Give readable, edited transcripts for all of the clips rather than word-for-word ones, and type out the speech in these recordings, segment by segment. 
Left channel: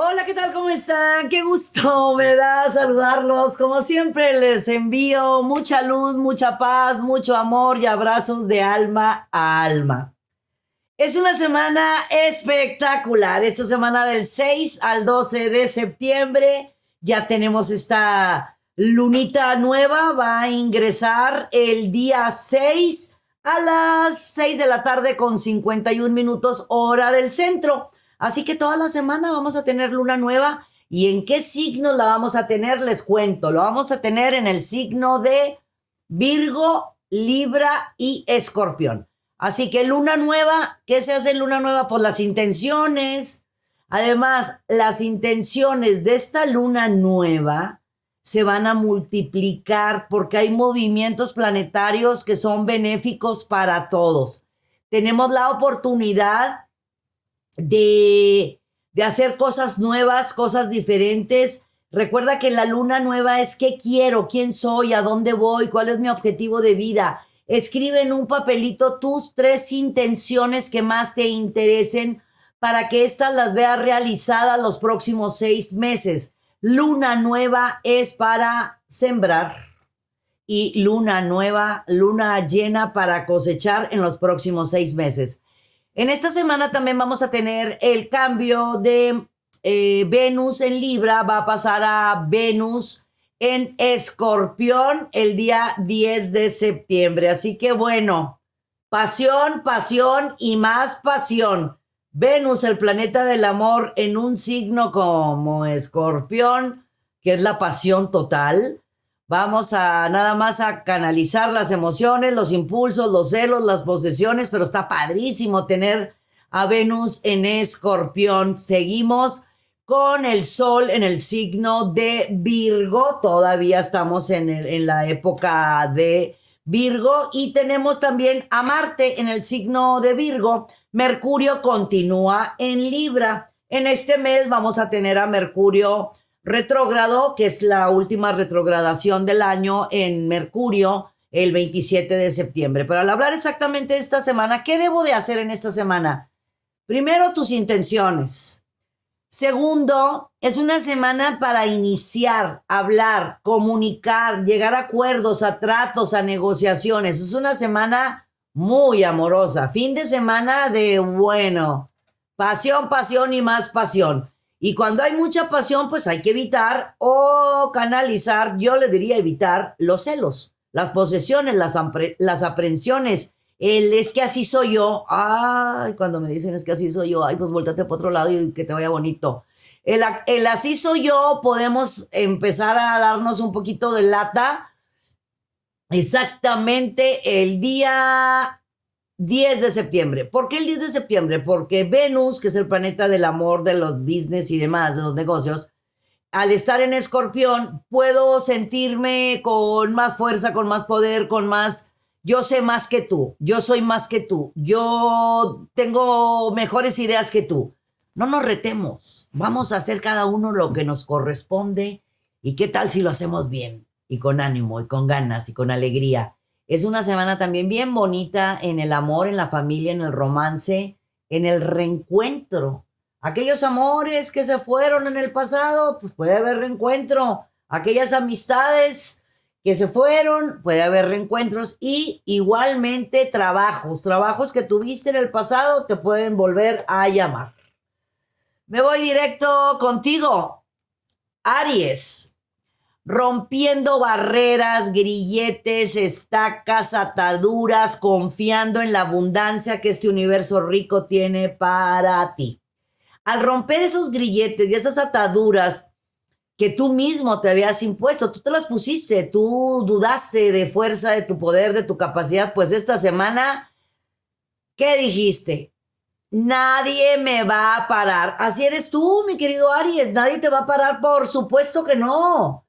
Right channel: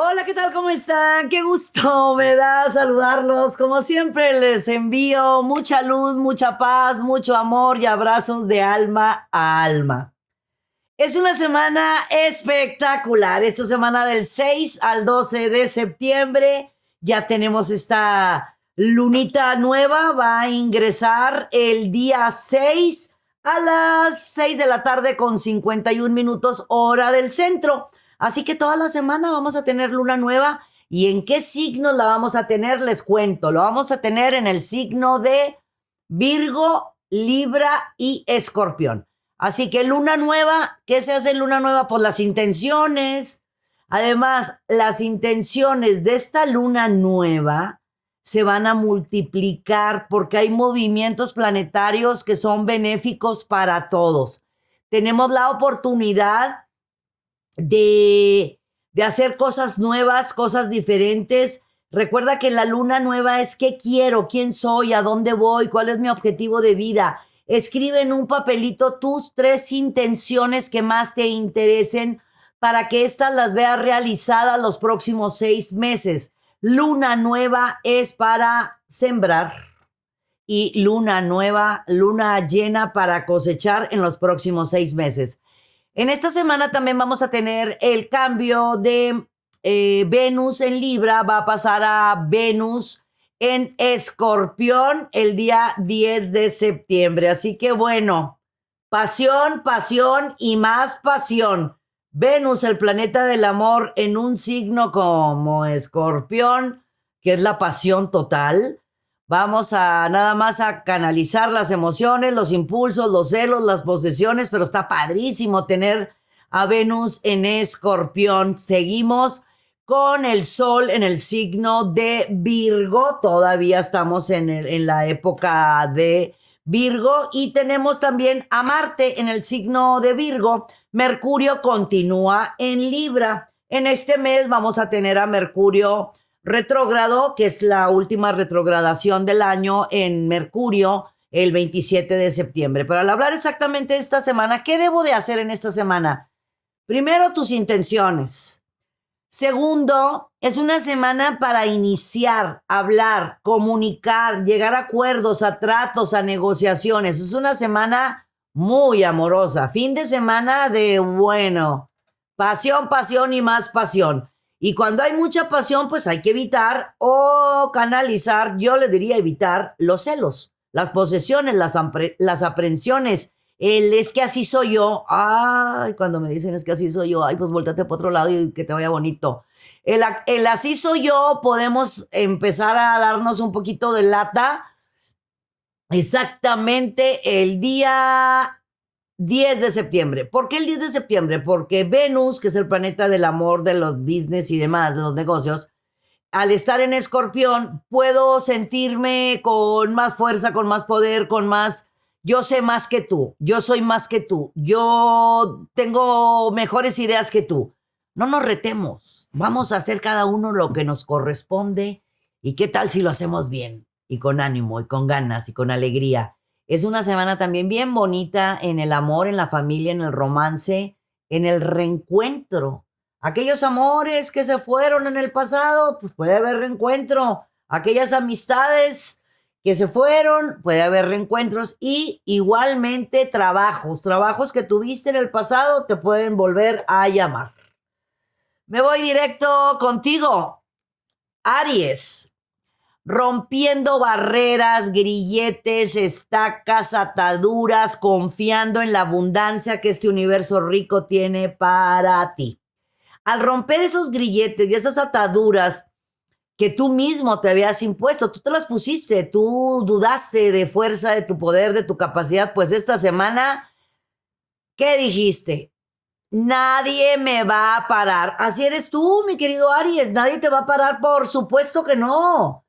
Hola, ¿qué tal? ¿Cómo están? Qué gusto me da saludarlos. Como siempre, les envío mucha luz, mucha paz, mucho amor y abrazos de alma a alma. Es una semana espectacular. Esta semana del 6 al 12 de septiembre ya tenemos esta lunita nueva. Va a ingresar el día 6 a las 6 de la tarde con 51 minutos hora del centro. Así que toda la semana vamos a tener luna nueva. ¿Y en qué signos la vamos a tener? Les cuento. Lo vamos a tener en el signo de Virgo, Libra y Escorpión. Así que luna nueva, ¿qué se hace en luna nueva? Pues las intenciones. Además, las intenciones de esta luna nueva se van a multiplicar porque hay movimientos planetarios que son benéficos para todos. Tenemos la oportunidad de hacer cosas nuevas, cosas diferentes. Recuerda que la luna nueva es qué quiero, quién soy, a dónde voy, cuál es mi objetivo de vida. Escribe en un papelito tus 3 intenciones que más te interesen para que éstas las veas realizadas los próximos 6 meses. Luna nueva es para sembrar y luna nueva, luna llena para cosechar en los próximos 6 meses. En esta semana también vamos a tener el cambio de Venus en Libra, va a pasar a Venus en Escorpión el día 10 de septiembre. Así que bueno, pasión, pasión y más pasión. Venus, el planeta del amor, en un signo como Escorpión, que es la pasión total. Vamos a nada más a canalizar las emociones, los impulsos, los celos, las posesiones, pero está padrísimo tener a Venus en Escorpión. Seguimos con el Sol en el signo de Virgo. Todavía estamos en la época de Virgo y tenemos también a Marte en el signo de Virgo. Mercurio continúa en Libra. En este mes vamos a tener a Mercurio retrógrado, que es la última retrogradación del año en Mercurio, el 27 de septiembre. Pero al hablar exactamente de esta semana, ¿qué debo de hacer en esta semana? Primero, tus intenciones. Segundo, es una semana para iniciar, hablar, comunicar, llegar a acuerdos, a tratos, a negociaciones. Es una semana muy amorosa. Fin de semana de, bueno, pasión, pasión y más pasión. Y cuando hay mucha pasión, pues hay que evitar o canalizar, yo le diría evitar los celos, las posesiones, las aprensiones. El es que así soy yo. Ay, cuando me dicen es que así soy yo, ay, pues volteate para otro lado y que te vaya bonito. El así soy yo, podemos empezar a darnos un poquito de lata exactamente el día 10 de septiembre. ¿Por qué el 10 de septiembre? Porque Venus, que es el planeta del amor, de los business y demás, de los negocios, al estar en Escorpión, puedo sentirme con más fuerza, con más poder, con más, yo sé más que tú, yo soy más que tú, yo tengo mejores ideas que tú. No nos retemos, vamos a hacer cada uno lo que nos corresponde y qué tal si lo hacemos bien y con ánimo y con ganas y con alegría. Es una semana también bien bonita en el amor, en la familia, en el romance, en el reencuentro. Aquellos amores que se fueron en el pasado, pues puede haber reencuentro. Aquellas amistades que se fueron, puede haber reencuentros y igualmente trabajos que tuviste en el pasado te pueden volver a llamar. Me voy directo contigo, Aries, rompiendo barreras, grilletes, estacas, ataduras, confiando en la abundancia que este universo rico tiene para ti. Al romper esos grilletes y esas ataduras que tú mismo te habías impuesto, tú te las pusiste, tú dudaste de fuerza, de tu poder, de tu capacidad, pues esta semana, ¿qué dijiste? Nadie me va a parar. Así eres tú, mi querido Aries, nadie te va a parar, por supuesto que no.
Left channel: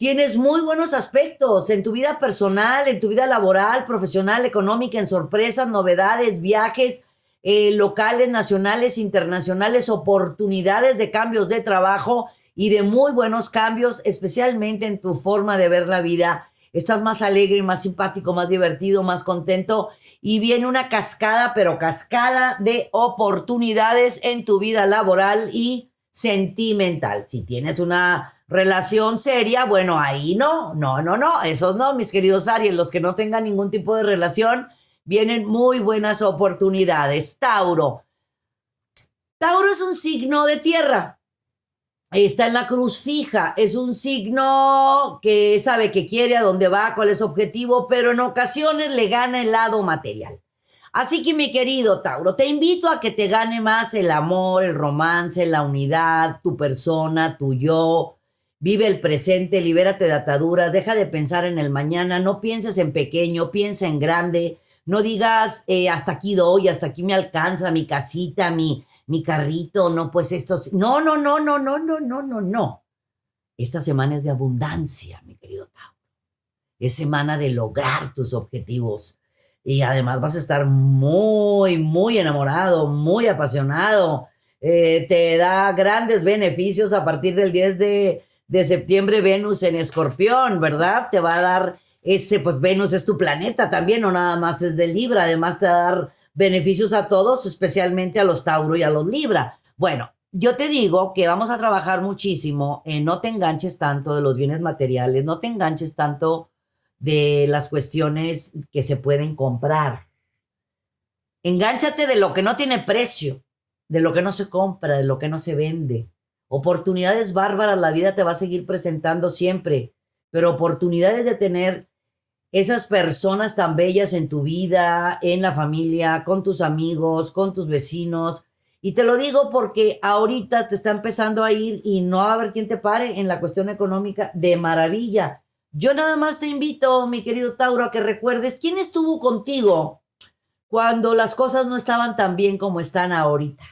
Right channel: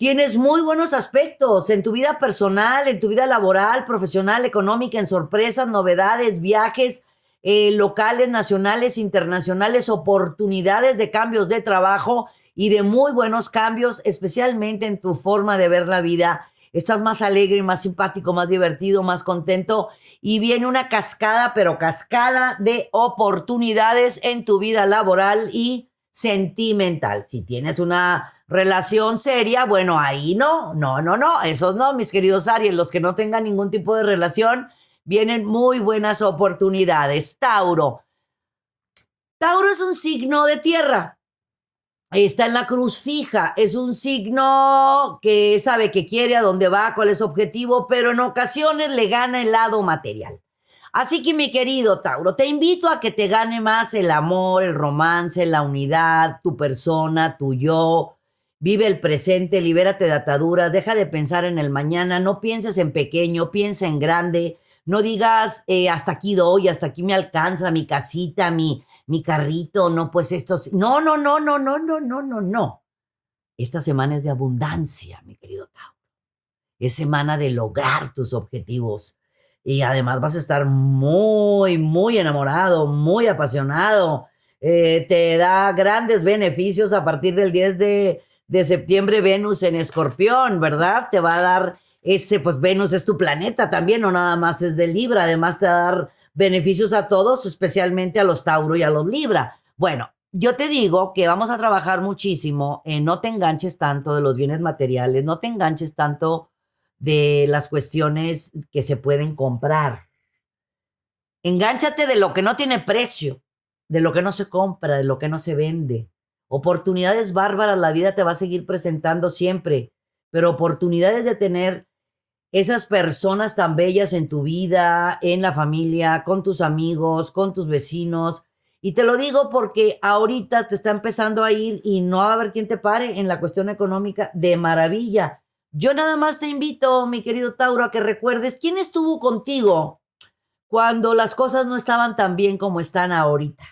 Tienes muy buenos aspectos en tu vida personal, en tu vida laboral, profesional, económica, en sorpresas, novedades, viajes, locales, nacionales, internacionales, oportunidades de cambios de trabajo y de muy buenos cambios, especialmente en tu forma de ver la vida. Estás más alegre, más simpático, más divertido, más contento y viene una cascada, pero cascada de oportunidades en tu vida laboral y sentimental. Si tienes una relación seria, bueno, ahí no, esos no, mis queridos Aries, los que no tengan ningún tipo de relación, vienen muy buenas oportunidades. Tauro. Tauro es un signo de tierra. Está en la cruz fija, es un signo que sabe que quiere, a dónde va, cuál es su objetivo, pero en ocasiones le gana el lado material. Así que mi querido Tauro, te invito a que te gane más el amor, el romance, la unidad, tu persona, tu yo. Vive el presente, libérate de ataduras, deja de pensar en el mañana, no pienses en pequeño, piensa en grande, no digas hasta aquí doy, hasta aquí me alcanza mi casita, mi carrito, no, pues esto, no. Esta semana es de abundancia, mi querido Tauro. Es semana de lograr tus objetivos. Y además vas a estar muy enamorado, muy apasionado. Te da grandes beneficios a partir del 10 de septiembre, Venus en Escorpión, ¿verdad? Te va a dar pues Venus es tu planeta también, no nada más es de Libra. Además te va a dar beneficios a todos, especialmente a los Tauro y a los Libra. Bueno, yo te digo que vamos a trabajar muchísimo en no te enganches tanto de los bienes materiales, no te enganches tanto de las cuestiones que se pueden comprar. Engánchate de lo que no tiene precio, de lo que no se compra, de lo que no se vende. Oportunidades bárbaras la vida te va a seguir presentando siempre, pero oportunidades de tener esas personas tan bellas en tu vida, en la familia, con tus amigos, con tus vecinos. Y te lo digo porque ahorita te está empezando a ir y no va a haber quien te pare en la cuestión económica de maravilla. Yo nada más te invito, mi querido Tauro, a que recuerdes quién estuvo contigo cuando las cosas no estaban tan bien como están ahorita.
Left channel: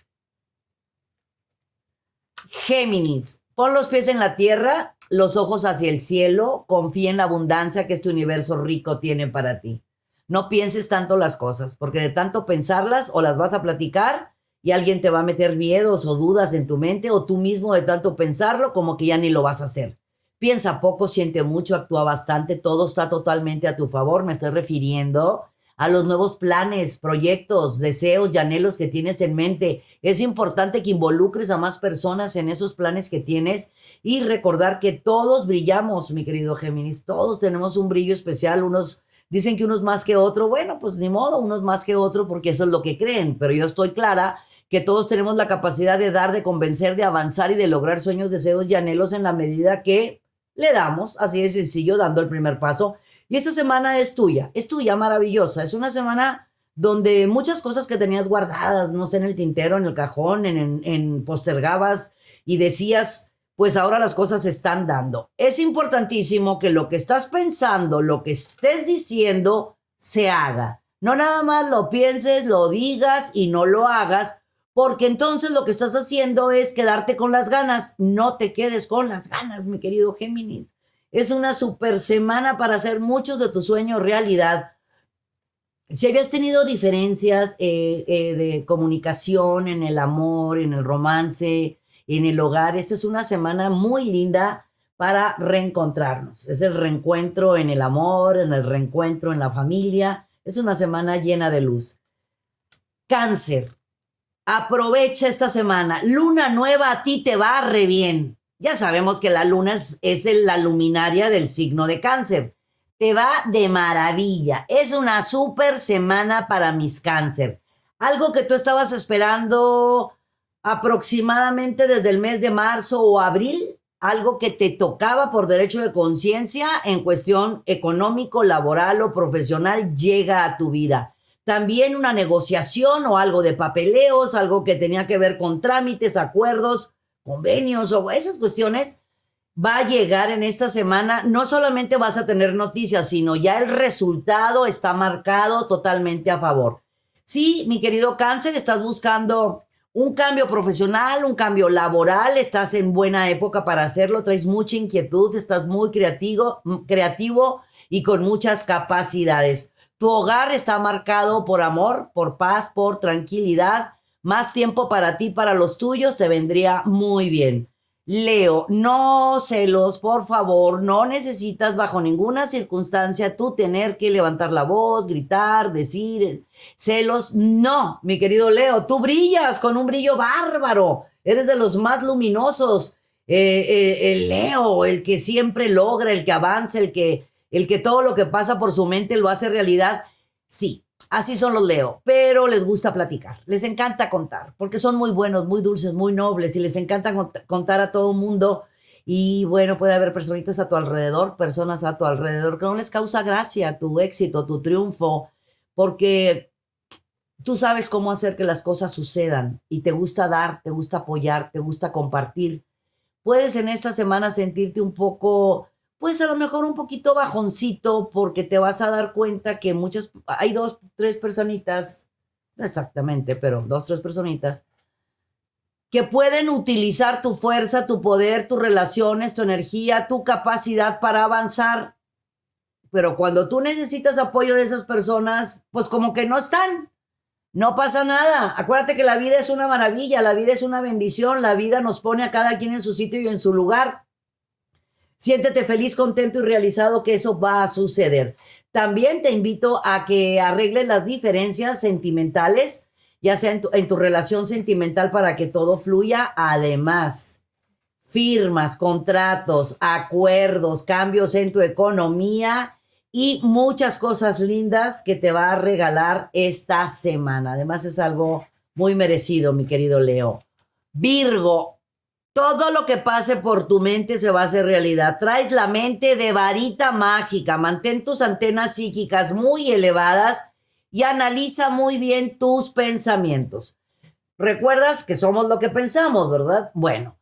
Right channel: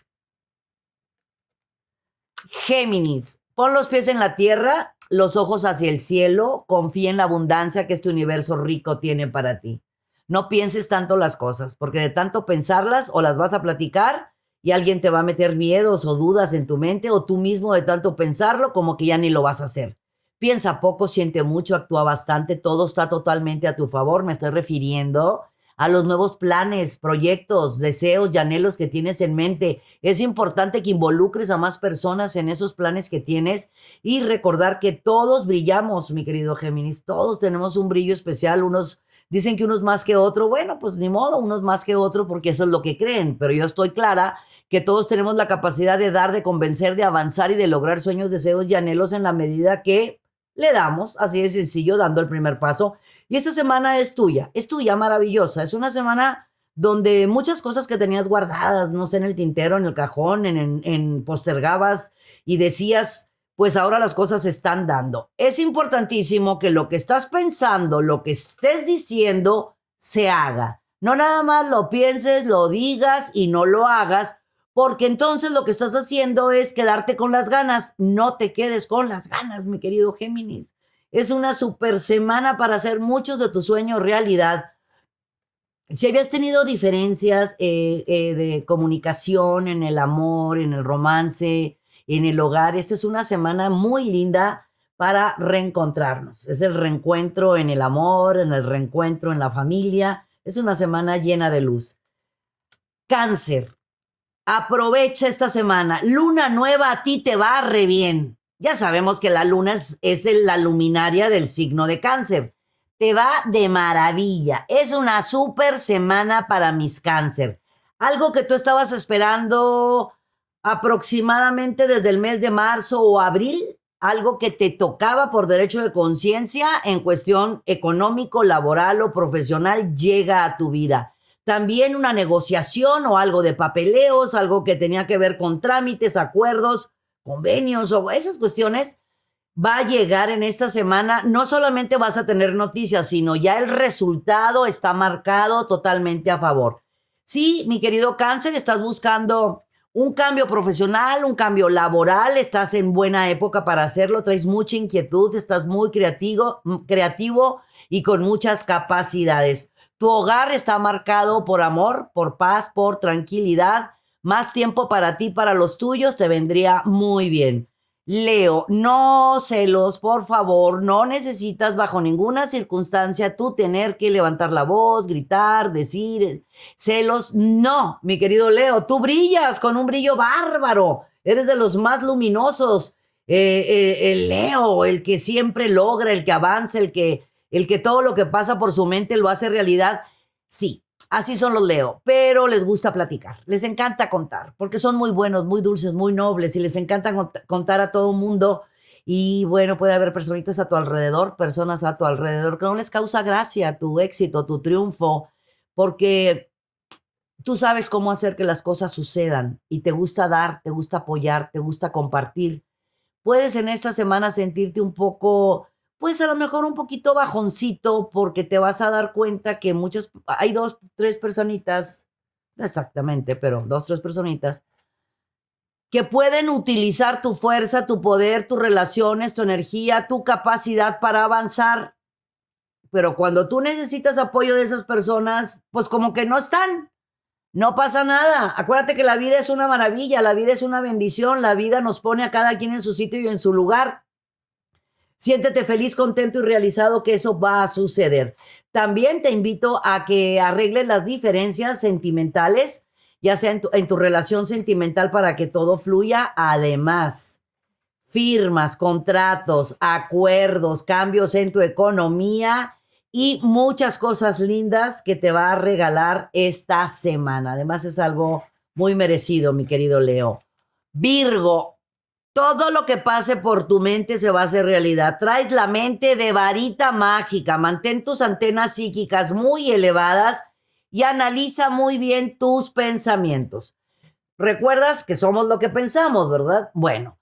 Géminis, pon los pies en la tierra, los ojos hacia el cielo, confía en la abundancia que este universo rico tiene para ti. No pienses tanto las cosas, porque de tanto pensarlas o las vas a platicar y alguien te va a meter miedos o dudas en tu mente, o tú mismo de tanto pensarlo como que ya ni lo vas a hacer. Piensa poco, siente mucho, actúa bastante, todo está totalmente a tu favor. Me estoy refiriendo a los nuevos planes, proyectos, deseos y anhelos que tienes en mente. Es importante que involucres a más personas en esos planes que tienes y recordar que todos brillamos, mi querido Géminis. Todos tenemos un brillo especial. Unos dicen que unos más que otro. Bueno, pues ni modo, unos más que otro porque eso es lo que creen. Pero yo estoy clara que todos tenemos la capacidad de dar, de convencer, de avanzar y de lograr sueños, deseos y anhelos en la medida que le damos, así de sencillo, dando el primer paso. Y esta semana es tuya, maravillosa. Es una semana donde muchas cosas que tenías guardadas, no sé, en el tintero, en el cajón, postergabas y decías, pues ahora las cosas se están dando. Es importantísimo que lo que estás pensando, lo que estés diciendo, se haga. No nada más lo pienses, lo digas y no lo hagas, porque entonces lo que estás haciendo es quedarte con las ganas. No te quedes con las ganas, mi querido Géminis. Es una super semana para hacer muchos de tus sueños realidad. Si habías tenido diferencias de comunicación en el amor, en el romance, en el hogar, esta es una semana muy linda para reencontrarnos. Es el reencuentro en el amor, en el reencuentro en la familia. Es una semana llena de luz. Cáncer. Aprovecha esta semana. Luna nueva a ti te va re bien. Ya sabemos que la luna es la luminaria del signo de Cáncer. Te va de maravilla. Es una súper semana para mis Cáncer. Algo que tú estabas esperando aproximadamente desde el mes de marzo o abril, algo que te tocaba por derecho de conciencia en cuestión económico, laboral o profesional, llega a tu vida. También una negociación o algo de papeleos, algo que tenía que ver con trámites, acuerdos, convenios o esas cuestiones, va a llegar en esta semana. No solamente vas a tener noticias, sino ya el resultado está marcado totalmente a favor. Sí, mi querido Cáncer, estás buscando un cambio profesional, un cambio laboral, estás en buena época para hacerlo, traes mucha inquietud, estás muy creativo y con muchas capacidades. Tu hogar está marcado por amor, por paz, por tranquilidad. Más tiempo para ti, para los tuyos, te vendría muy bien. Leo, no celos, por favor, no necesitas bajo ninguna circunstancia tú tener que levantar la voz, gritar, decir celos. No, mi querido Leo, tú brillas con un brillo bárbaro. Eres de los más luminosos. El Leo, el que siempre logra, el que avanza, el que todo lo que pasa por su mente lo hace realidad. Sí, así son los Leo, pero les gusta platicar, les encanta contar, porque son muy buenos, muy dulces, muy nobles y les encanta contar a todo mundo. Y bueno, puede haber personitas a tu alrededor, personas a tu alrededor que no les causa gracia tu éxito, tu triunfo, porque tú sabes cómo hacer que las cosas sucedan y te gusta dar, te gusta apoyar, te gusta compartir. Puedes en esta semana sentirte un poco, pues a lo mejor un poquito bajoncito, porque te vas a dar cuenta que hay dos, tres personitas, no exactamente, pero dos, tres personitas, que pueden utilizar tu fuerza, tu poder, tus relaciones, tu energía, tu capacidad para avanzar. Pero cuando tú necesitas apoyo de esas personas, pues como que no están. No pasa nada. Acuérdate que la vida es una maravilla, la vida es una bendición, la vida nos pone a cada quien en su sitio y en su lugar. Siéntete feliz, contento y realizado que eso va a suceder. También te invito a que arregles las diferencias sentimentales, ya sea en tu relación sentimental para que todo fluya. Además, firmas, contratos, acuerdos, cambios en tu economía y muchas cosas lindas que te va a regalar esta semana. Además, es algo muy merecido, mi querido Leo. Virgo, todo lo que pase por tu mente se va a hacer realidad. Traes la mente de varita mágica. Mantén tus antenas psíquicas muy elevadas y analiza muy bien tus pensamientos. Recuerdas que somos lo que pensamos, ¿verdad? Bueno,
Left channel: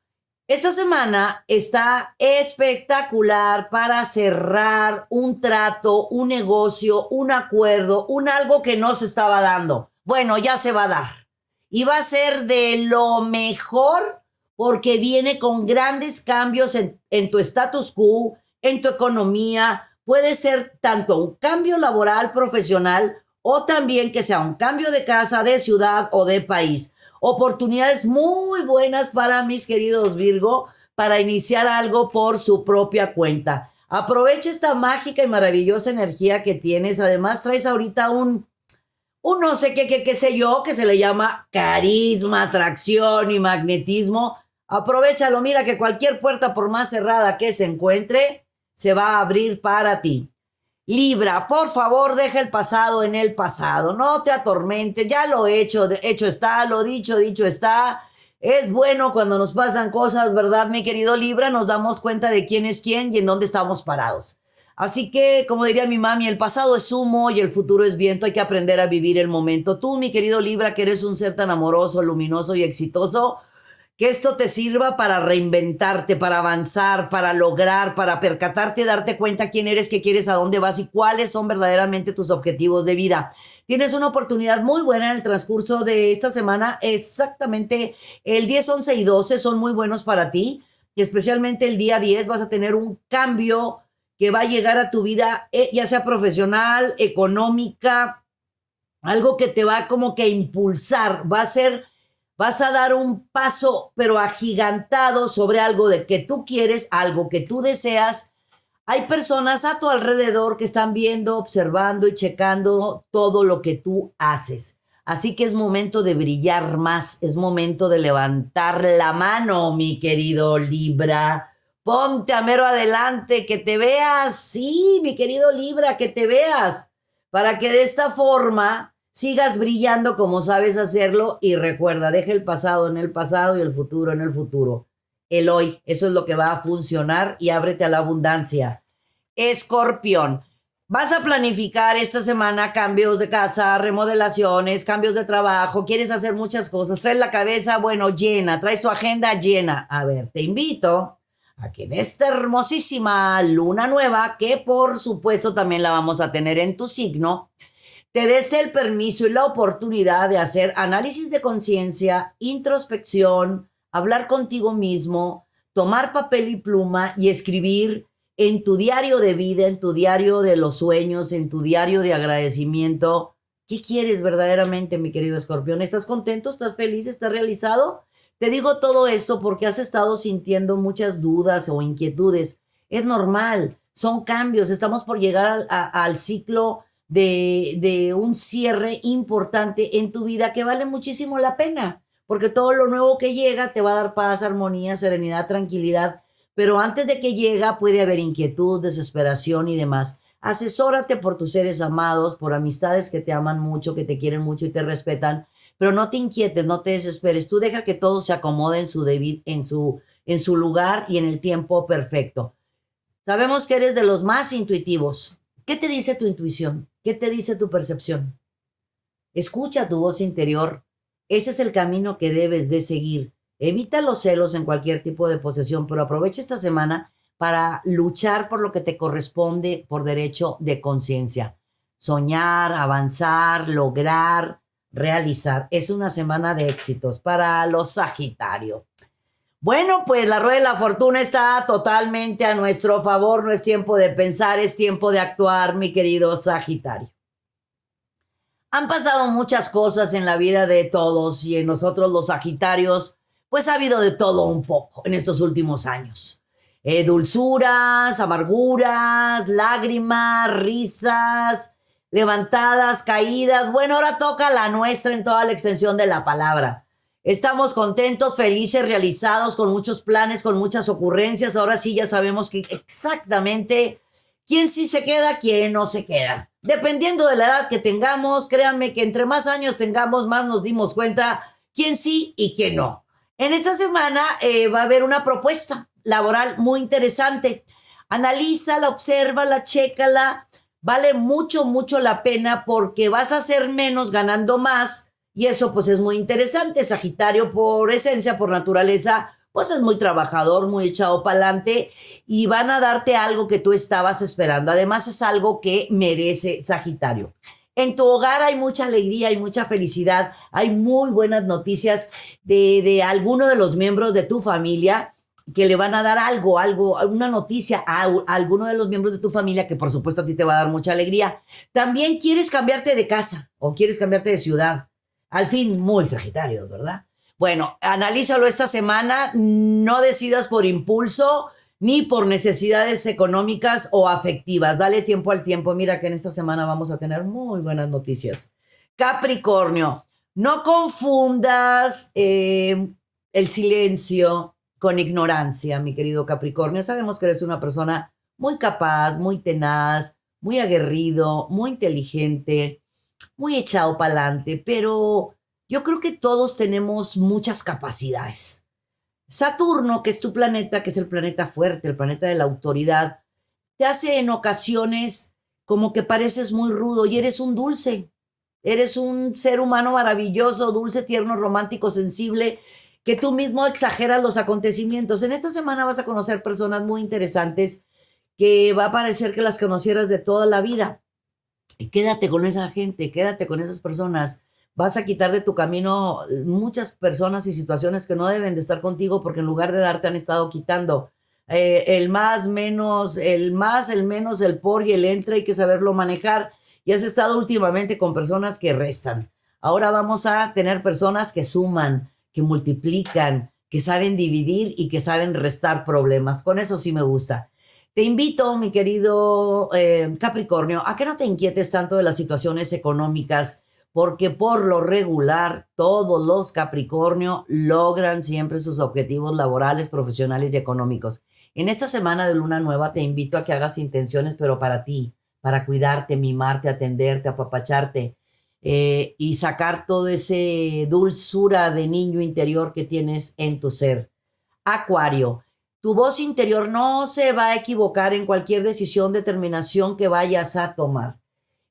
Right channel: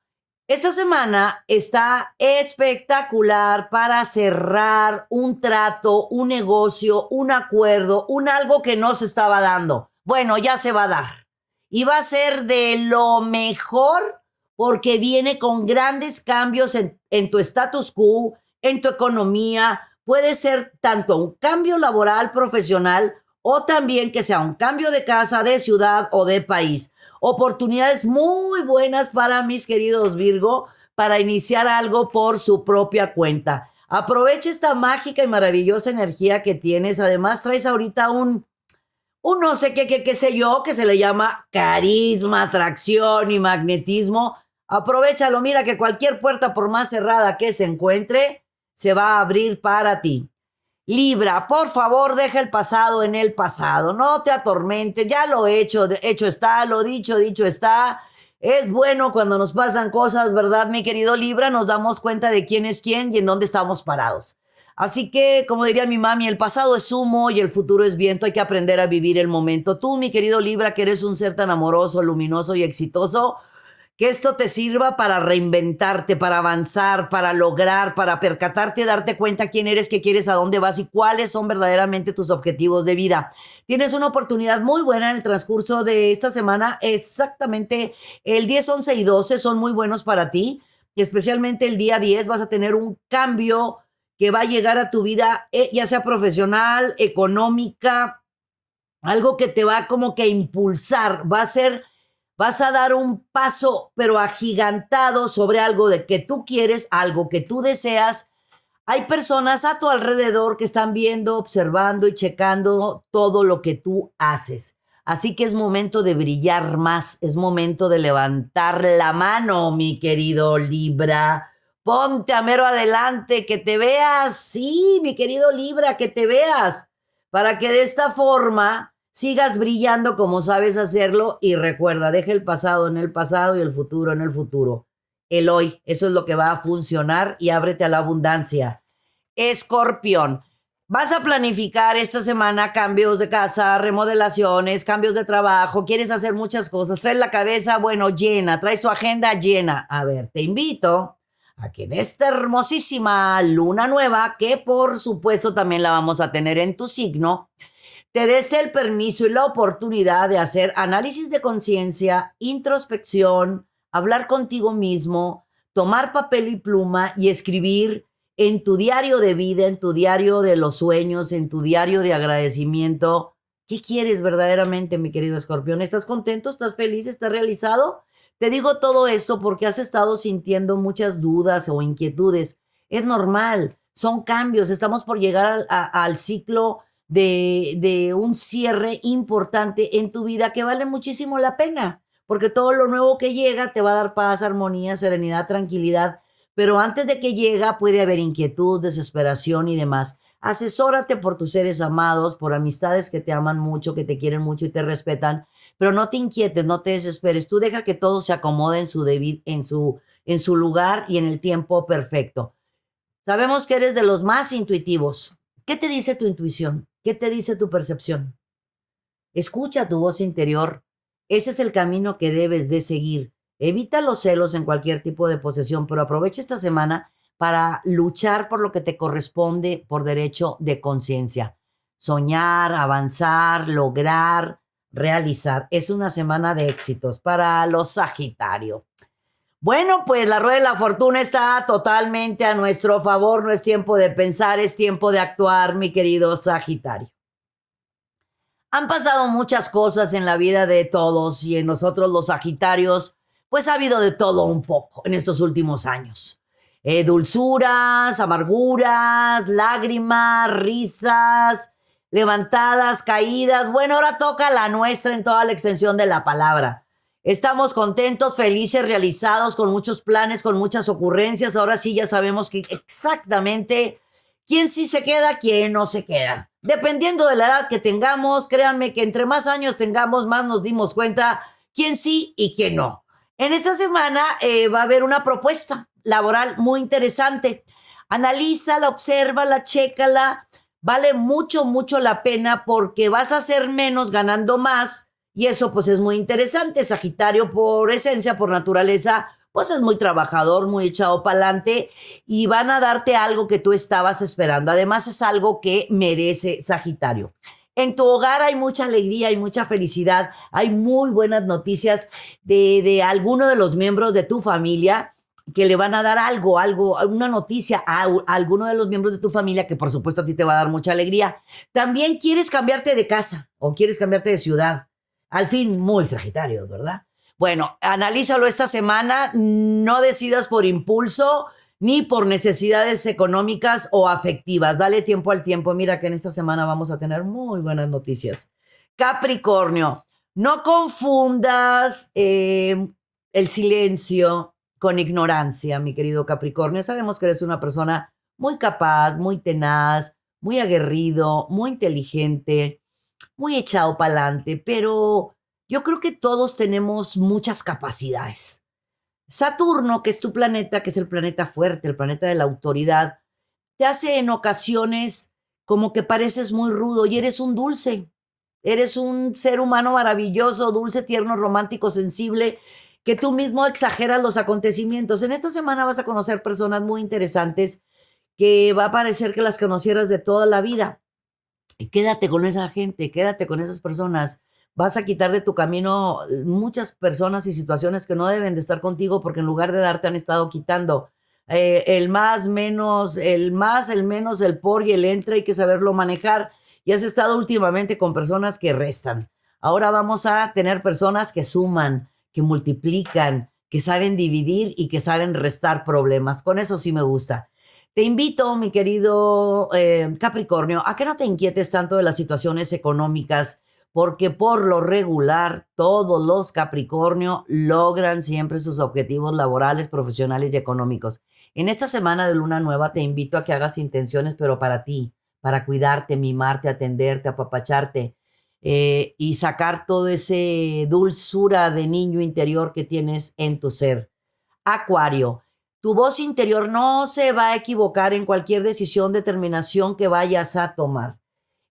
esta semana está espectacular para cerrar un trato, un negocio, un acuerdo, un algo que no se estaba dando. Bueno, ya se va a dar. Y va a ser de lo mejor porque viene con grandes cambios en tu status quo, en tu economía. Puede ser tanto un cambio laboral, profesional, o también que sea un cambio de casa, de ciudad o de país. Oportunidades muy buenas para mis queridos Virgo para iniciar algo por su propia cuenta. Aprovecha esta mágica y maravillosa energía que tienes. Además, traes ahorita un no sé qué sé yo, que se le llama carisma, atracción y magnetismo. Aprovechalo, mira que cualquier puerta, por más cerrada que se encuentre, se va a abrir para ti. Libra, por favor, deja el pasado en el pasado, no te atormentes, ya lo hecho está, lo dicho está. Es bueno cuando nos pasan cosas, ¿verdad, mi querido Libra? Nos damos cuenta de quién es quién y en dónde estamos parados. Así que, como diría mi mami, el pasado es humo y el futuro es viento, hay que aprender a vivir el momento. Tú, mi querido Libra, que eres un ser tan amoroso, luminoso y exitoso, que esto te sirva para reinventarte, para avanzar, para lograr, para percatarte, darte cuenta quién eres, qué quieres, a dónde vas y cuáles son verdaderamente tus objetivos de vida. Tienes una oportunidad muy buena en el transcurso de esta semana. Exactamente el 10, 11 y 12 son muy buenos para ti. Y especialmente el día 10 vas a tener un cambio que va a llegar a tu vida, ya sea profesional, económica, algo que te va como que a impulsar, vas a dar un paso, pero agigantado sobre algo de que tú quieres, algo que tú deseas. Hay personas a tu alrededor que están viendo, observando y checando todo lo que tú haces. Así que es momento de brillar más, es momento de levantar la mano, mi querido Libra. Ponte a mero adelante, que te veas, sí, mi querido Libra, que te veas, para que de esta forma sigas brillando como sabes hacerlo. Y recuerda, deja el pasado en el pasado y el futuro en el futuro. El hoy, eso es lo que va a funcionar y ábrete a la abundancia. Escorpión, vas a planificar esta semana cambios de casa, remodelaciones, cambios de trabajo, quieres hacer muchas cosas, traes la cabeza, bueno, llena, traes tu agenda llena. A ver, te invito a que en esta hermosísima luna nueva, que por supuesto también la vamos a tener en tu signo, te des el permiso y la oportunidad de hacer análisis de conciencia, introspección, hablar contigo mismo, tomar papel y pluma y escribir en tu diario de vida, en tu diario de los sueños, en tu diario de agradecimiento. ¿Qué quieres verdaderamente, mi querido Escorpión? ¿Estás contento? ¿Estás feliz? ¿Estás realizado? Te digo todo esto porque has estado sintiendo muchas dudas o inquietudes. Es normal, son cambios. Estamos por llegar al ciclo de un cierre importante en tu vida que vale muchísimo la pena. porque todo lo nuevo que llega te va a dar paz, armonía, serenidad, tranquilidad, pero antes de que llega puede haber inquietud, desesperación y demás. Asesórate por tus seres amados, por amistades que te aman mucho, que te quieren mucho y te respetan, pero no te inquietes, no te desesperes. Tú deja que todo se acomode en su lugar y en el tiempo perfecto. Sabemos que eres de los más intuitivos. ¿Qué te dice tu intuición? ¿Qué te dice tu percepción? Escucha tu voz interior. Ese es el camino que debes de seguir. Evita los celos en cualquier tipo de posesión, pero aprovecha esta semana para luchar por lo que te corresponde por derecho de conciencia. Soñar, avanzar, lograr, realizar. Es una semana de éxitos para los Sagitario. Bueno, pues la rueda de la fortuna está totalmente a nuestro favor. No es tiempo de pensar, es tiempo de actuar, mi querido Sagitario. Han pasado muchas cosas en la vida de todos y en nosotros los Sagitarios, pues ha habido de todo un poco en estos últimos años. Dulzuras, amarguras, lágrimas, risas, levantadas, caídas. Bueno, ahora toca la nuestra en toda la extensión de la palabra. Estamos contentos, felices, realizados, con muchos planes, con muchas ocurrencias. Ahora sí ya sabemos que exactamente quién sí se queda, quién no se queda. Dependiendo de la edad que tengamos, créanme que entre más años tengamos, más nos dimos cuenta quién sí y quién no. En esta semana va a haber una propuesta laboral muy interesante. Analízala, obsérvala, chécala. Vale mucho, mucho la pena porque vas a hacer menos ganando más. Y eso pues es muy interesante. Sagitario por esencia, por naturaleza, pues es muy trabajador, muy echado para adelante y van a darte algo que tú estabas esperando. Además es algo que merece Sagitario. En tu hogar hay mucha alegría, hay mucha felicidad, hay muy buenas noticias de alguno de los miembros de tu familia que le van a dar algo, una noticia a alguno de los miembros de tu familia que por supuesto a ti te va a dar mucha alegría. También quieres cambiarte de casa o quieres cambiarte de ciudad. Al fin, muy Sagitario, ¿verdad? Bueno, analízalo esta semana, no decidas por impulso ni por necesidades económicas o afectivas. Dale tiempo al tiempo. Mira que en esta semana vamos a tener muy buenas noticias. Capricornio, no confundas el silencio con ignorancia, mi querido Capricornio. Sabemos que eres una persona muy capaz, muy tenaz, muy aguerrido, muy inteligente, muy echado para adelante, pero yo creo que todos tenemos muchas capacidades. Saturno, que es tu planeta, que es el planeta fuerte, el planeta de la autoridad, te hace en ocasiones como que pareces muy rudo y eres un dulce. Eres un ser humano maravilloso, dulce, tierno, romántico, sensible, que tú mismo exageras los acontecimientos. En esta semana vas a conocer personas muy interesantes que va a parecer que las conocieras de toda la vida. Y quédate con esa gente, quédate con esas personas. Vas a quitar de tu camino muchas personas y situaciones que no deben de estar contigo porque en lugar de darte han estado quitando. El más, menos, el más, el menos, el por y el entre, hay que saberlo manejar. Y has estado últimamente con personas que restan. Ahora vamos a tener personas que suman, que multiplican, que saben dividir y que saben restar problemas. Con eso sí me gusta. Te invito, mi querido Capricornio, a que no te inquietes tanto de las situaciones económicas, porque por lo regular todos los Capricornio logran siempre sus objetivos laborales, profesionales y económicos. En esta semana de luna nueva te invito a que hagas intenciones, pero para ti, para cuidarte, mimarte, atenderte, apapacharte y sacar todo ese dulzura de niño interior que tienes en tu ser. Acuario, tu voz interior no se va a equivocar en cualquier decisión, determinación que vayas a tomar.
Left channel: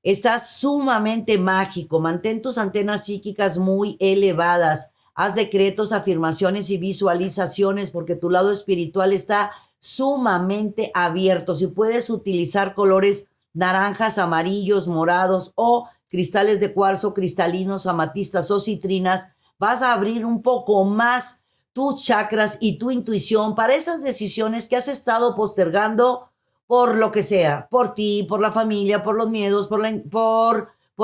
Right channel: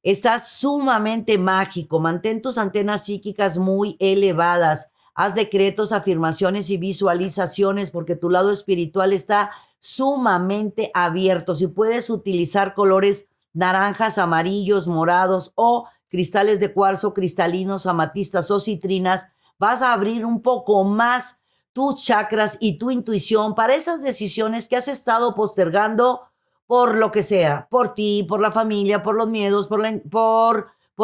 Estás sumamente mágico, mantén tus antenas psíquicas muy elevadas, haz decretos, afirmaciones y visualizaciones porque tu lado espiritual está sumamente abierto. Si puedes utilizar colores naranjas, amarillos, morados o cristales de cuarzo, cristalinos, amatistas o citrinas, vas a abrir un poco más tus chakras y tu intuición para esas decisiones que has estado postergando por lo que sea, por ti, por la familia, por los miedos, por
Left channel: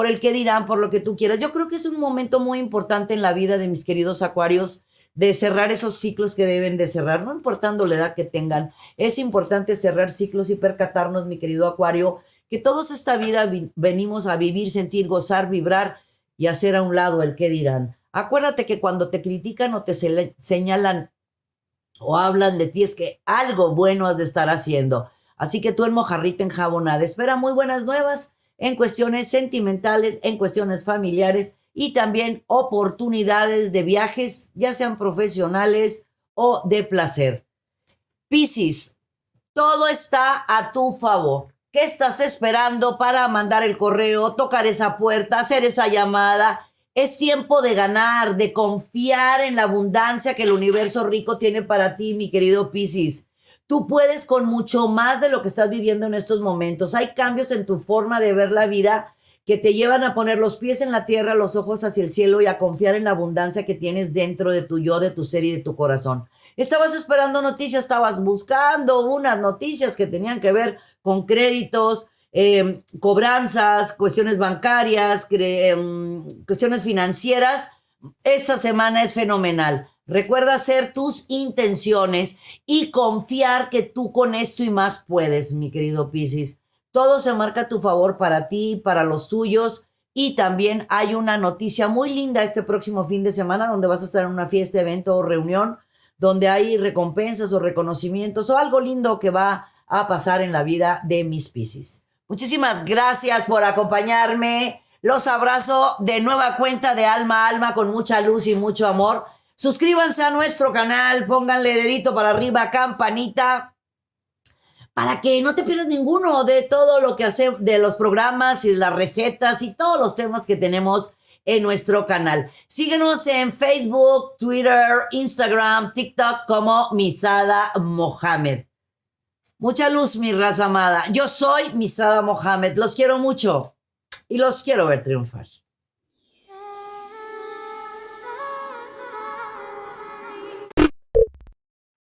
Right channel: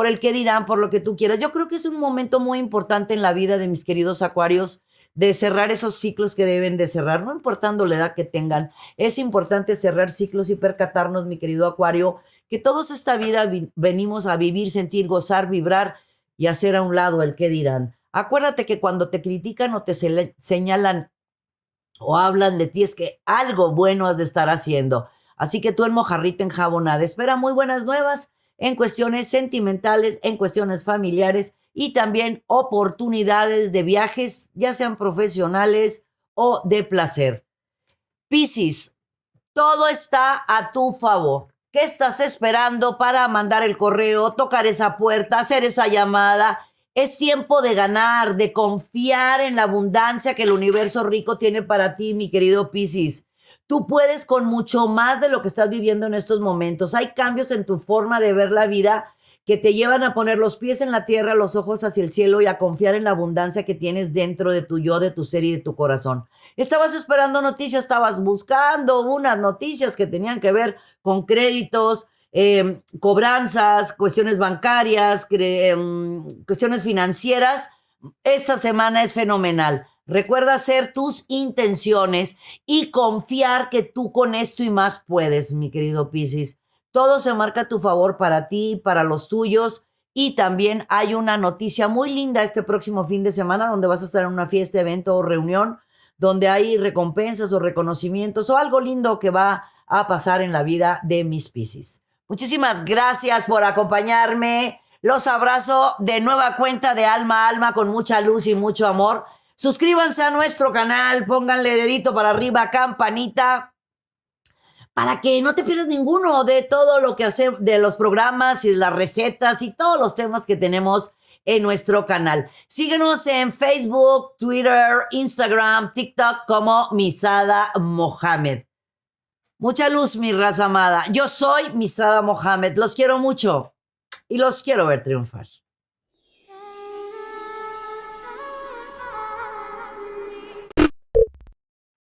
el que dirán, por lo que tú quieras. Yo creo que es un momento muy importante en la vida de mis queridos acuarios de cerrar esos ciclos que deben de cerrar, no importando la edad que tengan. Es importante cerrar ciclos y percatarnos, mi querido acuario, que todos esta vida venimos a vivir, sentir, gozar, vibrar y hacer a un lado el que dirán. Acuérdate que cuando te critican o te señalan o hablan de ti es que algo bueno has de estar haciendo. Así que tú en mojarrita enjabonada, espera muy buenas nuevas en cuestiones sentimentales, en cuestiones familiares y también oportunidades de viajes, ya sean profesionales o de placer. Piscis, todo está a tu favor. ¿Qué estás esperando para mandar el correo, tocar esa puerta, hacer esa llamada? Es tiempo de ganar, de confiar en la abundancia que el universo rico tiene para ti, mi querido Piscis. Tú puedes con mucho más de lo que estás viviendo en estos momentos. Hay cambios en tu forma de ver la vida que te llevan a poner los pies en la tierra, los ojos hacia el cielo y a confiar en la abundancia que tienes dentro de tu yo, de tu ser y de tu corazón. Estabas esperando noticias, estabas buscando unas noticias que tenían que ver con créditos, cobranzas, cuestiones bancarias, cuestiones financieras. Esta semana es fenomenal. Recuerda hacer tus intenciones y confiar que tú con esto y más puedes, mi querido Piscis. Todo se marca a tu favor para ti, para los tuyos. Y también hay una noticia muy linda este próximo fin de semana donde vas a estar en una fiesta, evento o reunión donde hay recompensas o reconocimientos o algo lindo que va a pasar en la vida de mis Piscis. Muchísimas gracias por acompañarme. Los abrazo de nueva cuenta de alma a alma con mucha luz y mucho amor. Suscríbanse a nuestro canal, pónganle dedito para arriba, campanita, para que no te pierdas ninguno de todo lo que hace, de los programas y las recetas y todos los temas que tenemos en nuestro canal. Síguenos en Facebook, Twitter, Instagram, TikTok como Misada Mohamed. Mucha luz, mi raza amada. Yo soy Misada Mohamed. Los quiero mucho y los quiero ver triunfar.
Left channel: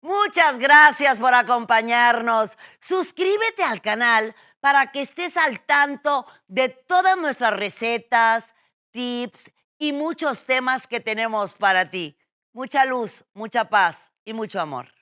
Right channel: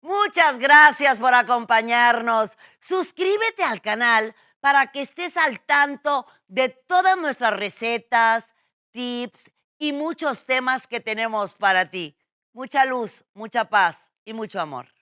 Muchas gracias por acompañarnos. Suscríbete al canal para que estés al tanto de todas nuestras recetas, tips y muchos temas que tenemos para ti. Mucha luz, mucha paz y mucho amor.